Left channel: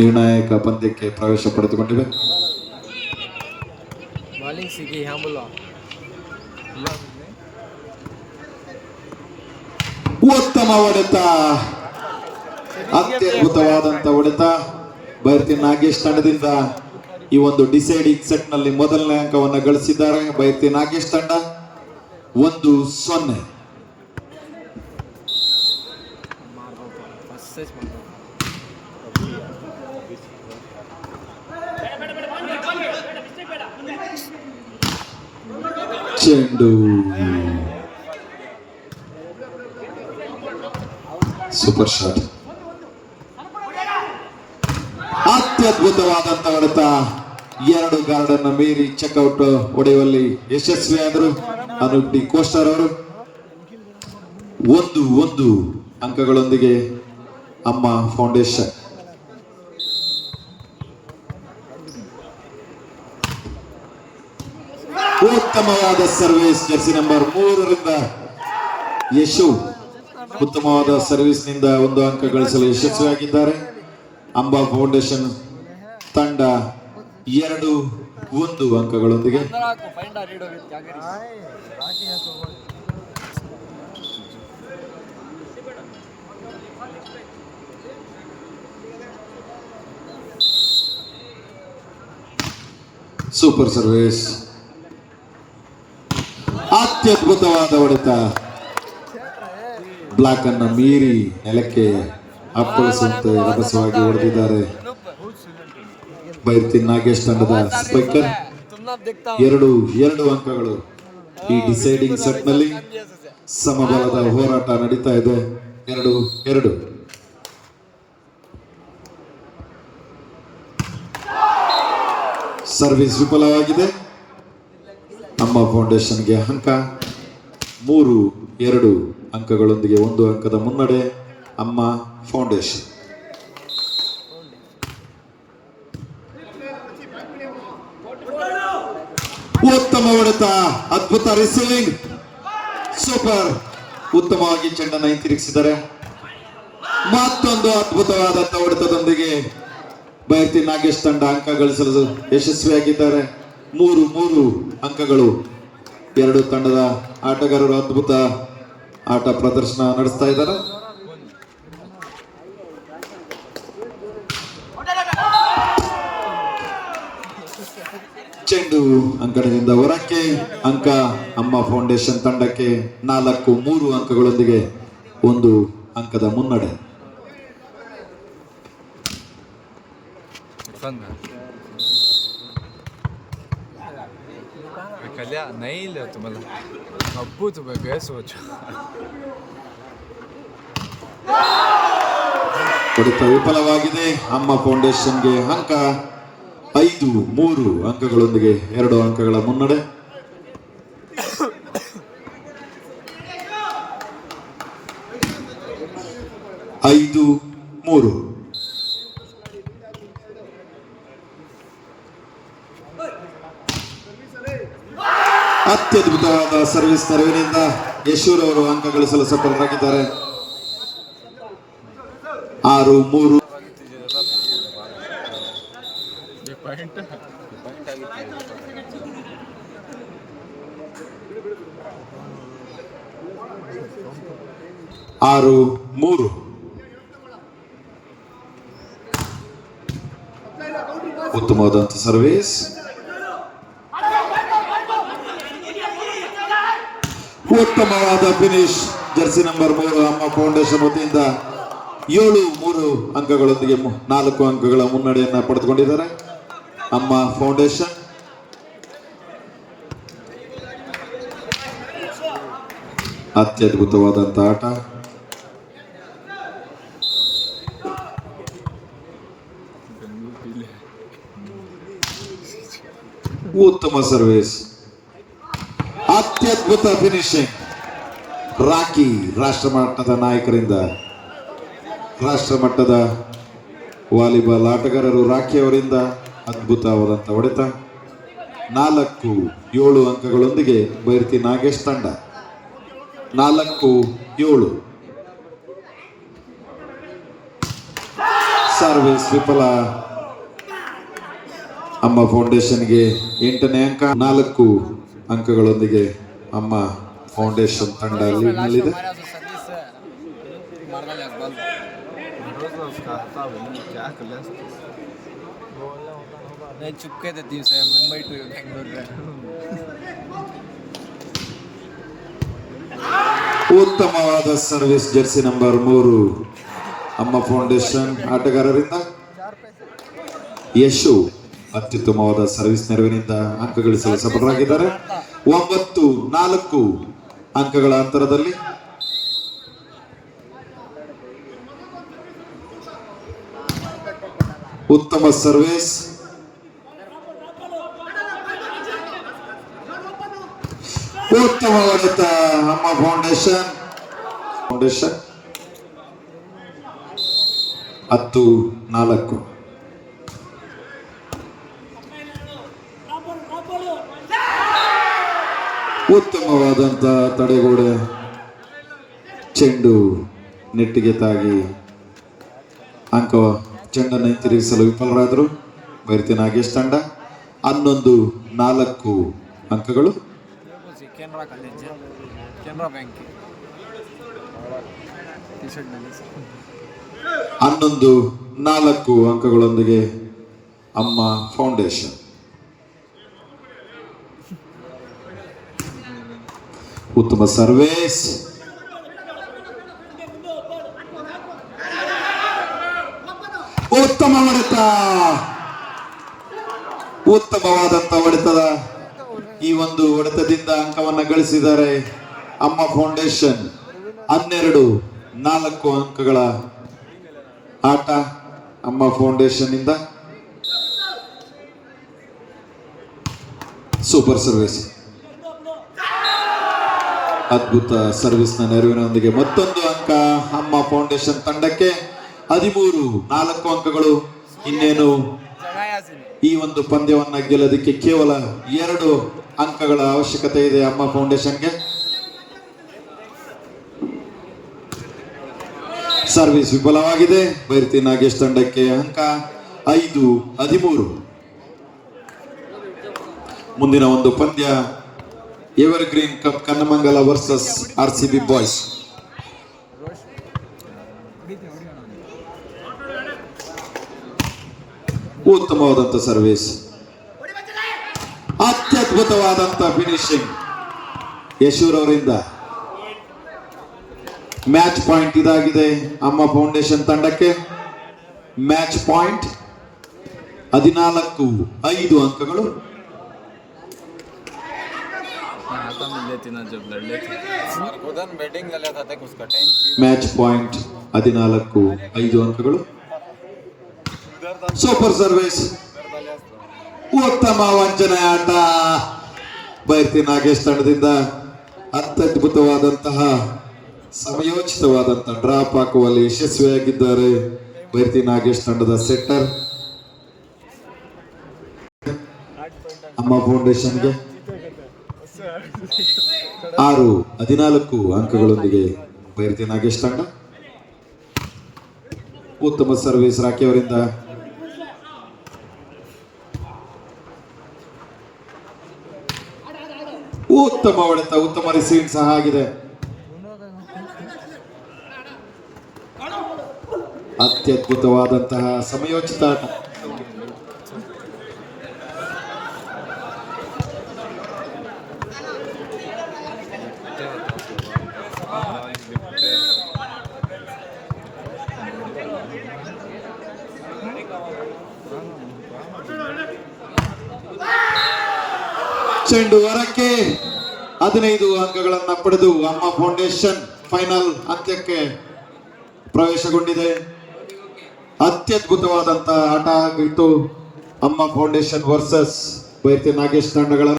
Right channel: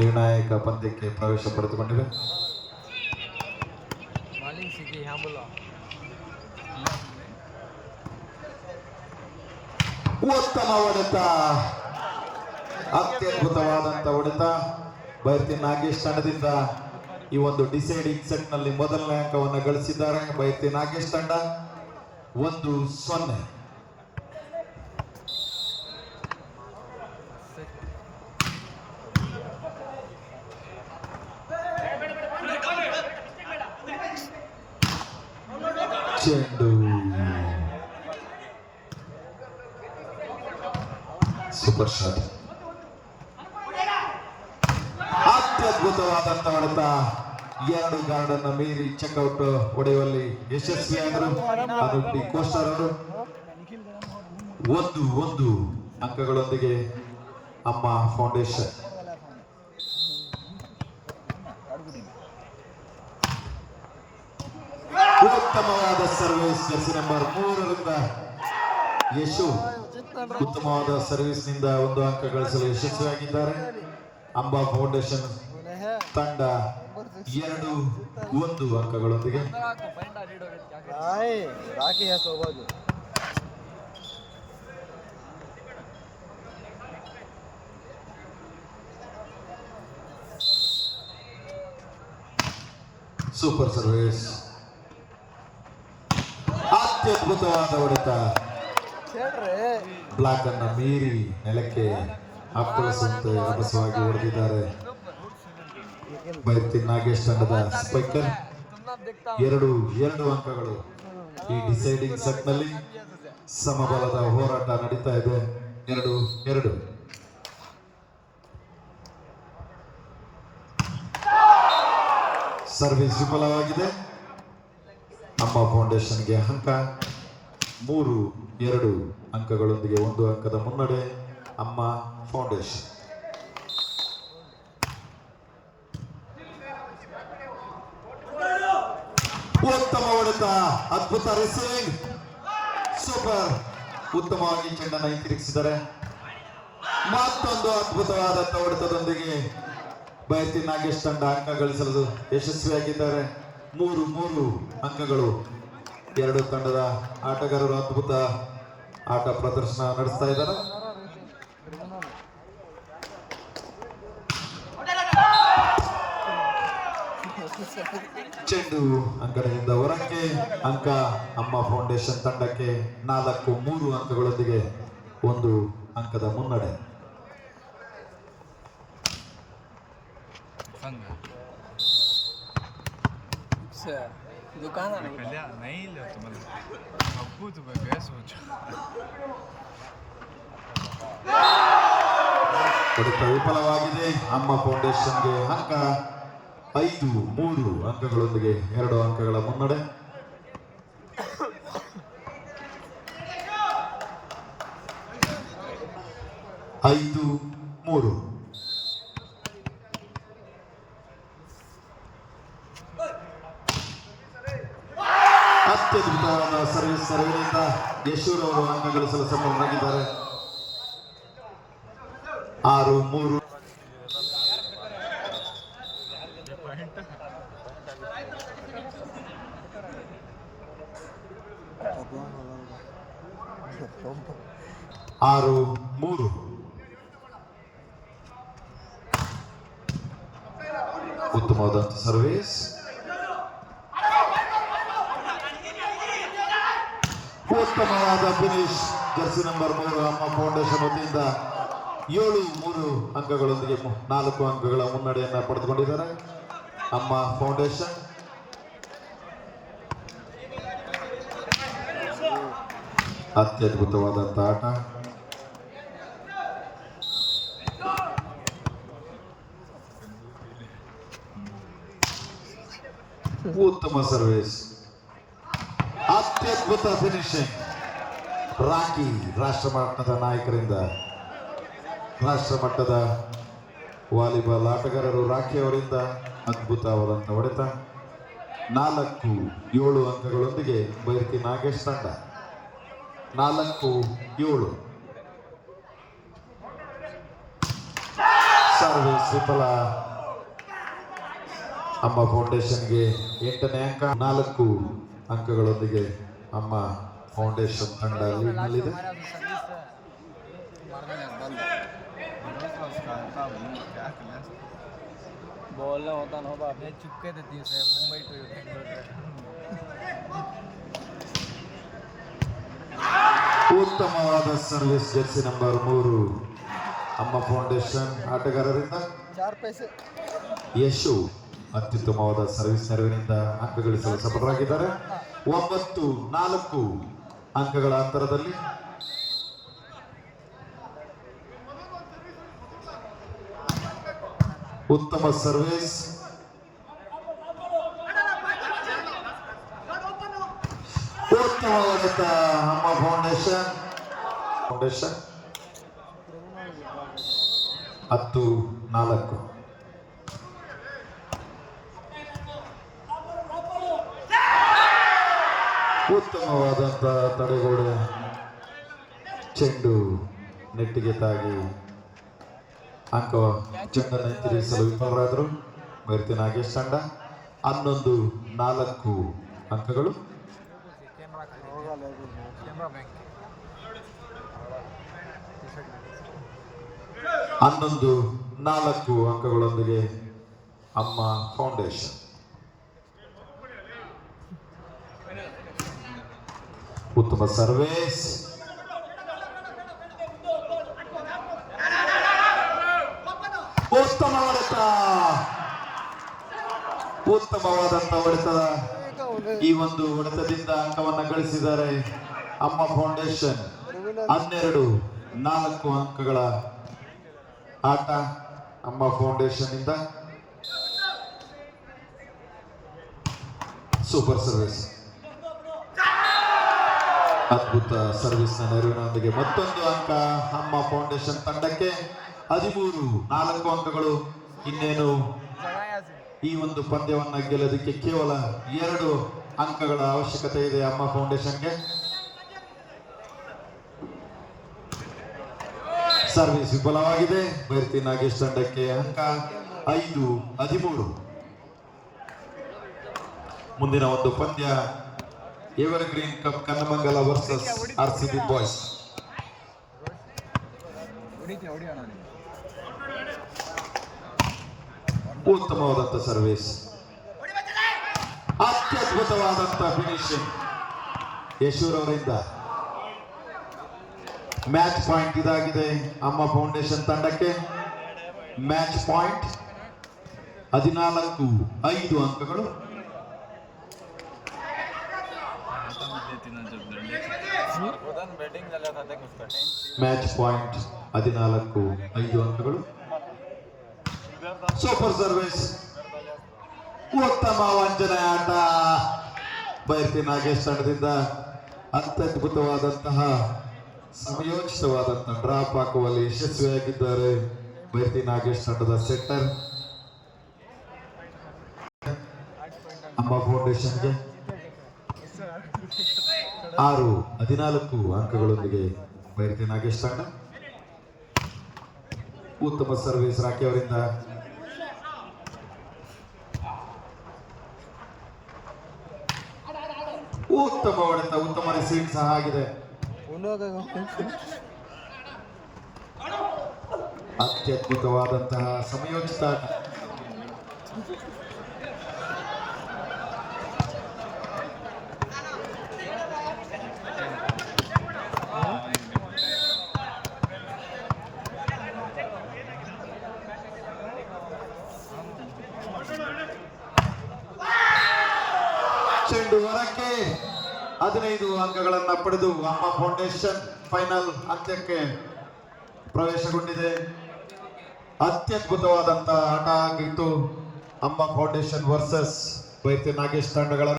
ನಿರ್ಣಾಯಕ ಪಂದ್ಯಕ್ಕೆ ಪ್ರವೇಶ ಪಡೆದುಕೊಂಡಿವೆ. ಉತ್ತಮ ಹೊಡೆತ, ಅತ್ಯದ್ಭುತವಾದಂತ ಹೊಡೆತ. ಬೈರ್ತಿ ನಾಗೇಶ್ ತಂಡದಿಂದ ಈ ಒಂದು ಡಿಸೈಡಿಂಗ್ ಸೆಟ್ ನಲ್ಲಿ ಮೊದಲನೇ ಅಂಕವನ್ನು ಗಳಿಸಿದ್ದಾರೆ. ಬೈರ್ತಿ ನಾಗೇಶ್ ತಂಡ 1-0. ಚೆಂಡು ಸೂಪರ್ ಶಾಟ್, ಅತ್ಯದ್ಭುತವಾದಂತ ಹೊಡೆತ. 2 ಗಾರ್ಡ್ ಅನ್ನು ಮೀರಿ ಚೆಕ್ಔಟ್ ಹೊಡೆಯುವಲ್ಲಿ ಯಶಸ್ವಿಯಾದರು ಅನೂಪ್ ಡಿ ಕೋಸ್ಟರ್ ಅವರು. 1-1 ಅಂಕಗಳೊಂದಿಗೆ ಅಮ್ಮ ಫೌಂಡೇಶನ್. ಉತ್ತಮವಾದ ಸರ್ವಿಸ್ ಜರ್ಸಿ ನಂಬರ್ 3ರಿಂದ ಯಶು ಉತ್ತಮವಾದ ಸರ್ವಿಸ್ ನಿಂದ 1 ಅಂಕ ಗಳಿಸಲು ಯಶಸ್ವಿಯಾಗಿದ್ದಾರೆ. ಅಂಬಾ ಫೌಂಡೇಶನ್ ತಂಡ 2-1 ಅಂಕಗಳೊಂದಿಗೆ. ಸೂಪರ್ ಸರ್ವಿಸ್, ಅತ್ಯದ್ಭುತವಾದ ಹೊಡೆತ. ಬ್ಲಾಕ್ ಅನ್ನ ಮೀರಿ ನೆಲಕ್ಕೆ ಅಪ್ಪಳಿಸುವಂತೆ ರಭಸವಾಗಿ ಹೊಡೆದಿದ್ದಾರೆ ಬೈರ್ತಿ ನಾಗೇಶ್ ತಂಡದ ಸ್ಪೈಕರ್. 2 ಅಂಕಗಳು. ಈ ಡಿಸೈಡಿಂಗ್ ಸೆಟ್ ನಲ್ಲಿ ಸಮಬಲದ ಹೋರಾಟ ನಡೀತಾ ಇದೆ. 2-2. ಸರ್ವಿಸ್ ವಿಫಲವಾಗಿದೆ. ನಮ್ಮ ಫೌಂಡೇಶನ್ಗೆ ಅಂಕ 3-2 ಅಂಕಗಳೊಂದಿಗೆ 1 ಅಂಕದ ಮುನ್ನಡೆ ಅಮ್ಮ ಫೌಂಡೇಶನ್. ಉತ್ತಮ ಹೊಡೆತ, ಅದ್ಭುತ ರಿಸೀವಿಂಗ್, ಸೂಪರ್. ಉತ್ತಮವಾಗಿ ಚೆಂಡನ್ನು ಹಿಂತಿರುಗಿಸಿದ್ದಾರೆ. ಮತ್ತೊಂದು ಅದ್ಭುತವಾದಂತ ಹೊಡೆತದೊಂದಿಗೆ ಬೈರ್ತಿ ನಾಗೇಶ್ ತಂಡ ಅಂಕ ಗಳಿಸಲು ಯಶಸ್ವಿಯಾಗಿದ್ದಾರೆ. 3 ಅಂಕಗಳು. 2 ತಂಡದ ಆಟಗಾರರು ಅದ್ಭುತ ಆಟ ಪ್ರದರ್ಶನ ನಡೆಸ್ತಾ ಇದ್ದಾರೆ. ಚೆಂಡು ಅಂಕಣದಿಂದ ಹೊರಕ್ಕೆ. ಅಂಕ ಅಮ್ಮ ಫೌಂಡೇಶನ್ ತಂಡಕ್ಕೆ 4-3 ಅಂಕಗಳೊಂದಿಗೆ 1 ಅಂಕದ ಮುನ್ನಡೆ. ಹೊಡೆತ ವಿಫಲವಾಗಿದೆ. ಅಮ್ಮ ಫೌಂಡೇಶನ್ಗೆ ಅಂಕ 5-3 ಅಂಕಗಳೊಂದಿಗೆ 2 ಅಂಕಗಳ ಮುನ್ನಡೆ. ಅತ್ಯದ್ಭುತವಾದ ಸರ್ವಿಸ್ ನೆರವಿನಿಂದ ಯಶೂರ್ ಅವರು ಅಂಕ ಗಳಿಸಲು ಸಫಲರಾಗಿದ್ದಾರೆ. 6-3. ಉತ್ತಮವಾದಂತ ಸರ್ವಿಸ್, ಉತ್ತಮವಾದ ಫಿನಿಶ್. ಜರ್ಸಿ ನಂಬರ್ 3 ಅಮ್ಮ ಫೌಂಡೇಶನ್ ವತಿಯಿಂದ 7-3 ಅಂಕಗಳೊಂದಿಗೆ 4 ಅಂಕಗಳ ಮುನ್ನಡೆಯನ್ನ ಪಡೆದುಕೊಂಡಿದ್ದಾರೆ ಅಮ್ಮ ಫೌಂಡೇಶನ್. ಅತ್ಯದ್ಭುತವಾದಂತ ಆಟ. ಉತ್ತಮ ಸರ್ವಿಸ್, ಅತ್ಯದ್ಭುತ ಫಿನಿಶಿಂಗ್. ರಾಕಿ ರಾಷ್ಟ್ರ ಮಟ್ಟದ ನಾಯಕರಿಂದ, ರಾಷ್ಟ್ರ ಮಟ್ಟದ ವಾಲಿಬಾಲ್ ಆಟಗಾರರು ರಾಕಿ ಅವರಿಂದ ಅದ್ಭುತವಾದಂಥ ಹೊಡೆತ. 4-7 ಅಂಕಗಳೊಂದಿಗೆ ಬೈರ್ತಿ ನಾಗೇಶ್ ತಂಡ 4-7. ಸರ್ವಿಸ್ ವಿಫಲ. ಅಮ್ಮ ಫೌಂಡೇಶನ್ಗೆ 8ನೇ ಅಂಕ. 4 ಅಂಕಗಳೊಂದಿಗೆ ಅಮ್ಮ ಫೌಂಡೇಶನ್ ತಂಡ ಲೀಡ್ನಲ್ಲಿದೆ. चुपके थे दिवस मुंबई टू बेंगलुरु. ಉತ್ತಮವಾದ ಸರ್ವಿಸ್ ಜರ್ಸಿ ನಂಬರ್ 3 ಅಮ್ಮ ಫೌಂಡೇಶನ್ ಆಟಗಾರರಿಂದ. ಯಶು ಅತ್ಯುತ್ತಮವಾದ ಸರ್ವಿಸ್ ನೆರವಿನಿಂದ ಅಂಕ ಗಳಿಸಲು ಸಫಲರಾಗಿದ್ದಾರೆ. 9-4 ಅಂಕಗಳ ಅಂತರದಲ್ಲಿ. ಉತ್ತಮ ಸರ್ವಿಸ್. ಉತ್ತಮ ಹೊಡೆತ ಅಮ್ಮ ಫೌಂಡೇಶನ್ 10-4. ಉತ್ತಮವಾದಂತ ತಡೆಗೋಡೆ. ಚೆಂಡು ನೆಟ್ಟಿಗೆ ತಾಗಿ ಅಂಕ ಚೆಂಡನ್ನು ಹಿಂತಿರುಗಿಸಲು ವಿಫಲರಾದರು ಬೈರತಿ ನಾಗೇಶ್ ತಂಡ. 11-4 ಅಂಕಗಳು. ಕೆನರಾ ಕಾಲೇಜ್ ಕೆನರಾ ಬ್ಯಾಂಕ್ 11-4 ಅಂಕಗಳೊಂದಿಗೆ ಅಮ್ಮ ಫೌಂಡೇಶನ್. ಉತ್ತಮ ಸರ್ವೇಸ್. ಉತ್ತಮ ಹೊಡೆತ. ಉತ್ತಮವಾದಂತ ಹೊಡೆತದ ಈ ಒಂದು ಹೊಡೆತದಿಂದ ಅಂಕವನ್ನು ಗಳಿಸಿದ್ದಾರೆ ಅಮ್ಮ ಫೌಂಡೇಶನ್. 12-4 ಅಂಕಗಳ ಆಟ ಅಮ್ಮ ಫೌಂಡೇಶನ್ ಇಂದ. Super service. ಅದ್ಭುತ ಸರ್ವಿಸ್ನ ನೆರವಿನೊಂದಿಗೆ ಮತ್ತೊಂದು ಅಂಕ ಅಮ್ಮ ಫೌಂಡೇಶನ್ ತಂಡಕ್ಕೆ. 13-4 ಅಂಕಗಳು. ಇನ್ನೇನು ಈ ಒಂದು ಪಂದ್ಯವನ್ನ ಗೆಲ್ಲೋದಕ್ಕೆ ಕೇವಲ 2 ಅಂಕಗಳ ಅವಶ್ಯಕತೆ ಇದೆ ಅಮ್ಮ ಫೌಂಡೇಶನ್ಗೆ. ಸರ್ವಿಸ್ ವಿಫಲವಾಗಿದೆ. ಬೈರತಿ ನಾಗೇಶ್ ತಂಡಕ್ಕೆ ಅಂಕ 5-13. ಮುಂದಿನ ಒಂದು ಪಂದ್ಯ evergreen cup Kannamangala versus RCB boys. ಉತ್ತಮವಾದಂತ ಸರ್ವಿಸ್. ಅತ್ಯದ್ಭುತವಾದಂತ ಫಿನಿಶಿಂಗ್ ಯಶೂರ್ ಅವರಿಂದ. ಮ್ಯಾಚ್ ಪಾಯಿಂಟ್ ಇದಾಗಿದೆ ಅಮ್ಮ ಫೌಂಡೇಶನ್ ತಂಡಕ್ಕೆ. ಮ್ಯಾಚ್ ಪಾಯಿಂಟ್ 14-5 ಅಂಕಗಳು. ಮ್ಯಾಚ್ ಪಾಯಿಂಟ್ 14-5 ಅಂಕಗಳು. Super service. ಉತ್ತಮ ವಂಚನೆ ಆಟ ಬೈರತಿ ನಾಗೇಶ್ ತಂಡದಿಂದ. ಅತ್ಯದ್ಭುತವಾದಂತಹ ಸಮಯೋಚಿತವಾದಂತಹ ಡ್ರಾಪ್ ಹಾಕುವಲ್ಲಿ ಯಶಸ್ವಿಯಾಗಿದ್ದಾರೆ ಬೈರತಿ ನಾಗೇಶ್ ತಂಡದ ಸೆಟ್ಟರ್. ಅಮ್ಮ ಫೌಂಡೇಶನ್ಗೆ 6-14 ಅಂಕಗಳೊಂದಿಗೆ ಬೈರತಿ ನಾಗೇಶ್ ತಂಡ. ಉತ್ತಮ ಸರ್ವಿಸ್ ರಾಕಿ ಅವರಿಂದ. ಉತ್ತಮ ಹೊಡೆತ, ಉತ್ತಮ ರಿಸೀವ್ ಸಹ ಆಗಿದೆ. ಅತ್ಯದ್ಭುತವಾದಂತಹ ಸಮಯೋಚಿತ ಆಟ. ಚೆಂಡು ಹೊರಕ್ಕೆ. 15 ಅಂಕಗಳನ್ನು ಪಡೆದು ಅಮ್ಮ ಫೌಂಡೇಶನ್ ಫೈನಲ್ ಅಂತ್ಯಕ್ಕೆ ಪ್ರವೇಶಗೊಂಡಿದೆ. ಅತ್ಯದ್ಭುತವಾದಂತಹ ಆಟ ಆಗಿತ್ತು ಅಮ್ಮ ಫೌಂಡೇಶನ್ ವರ್ಸಸ್ ಬೈರತಿ ನಾಗೇಶ್ ತಂಡಗಳ.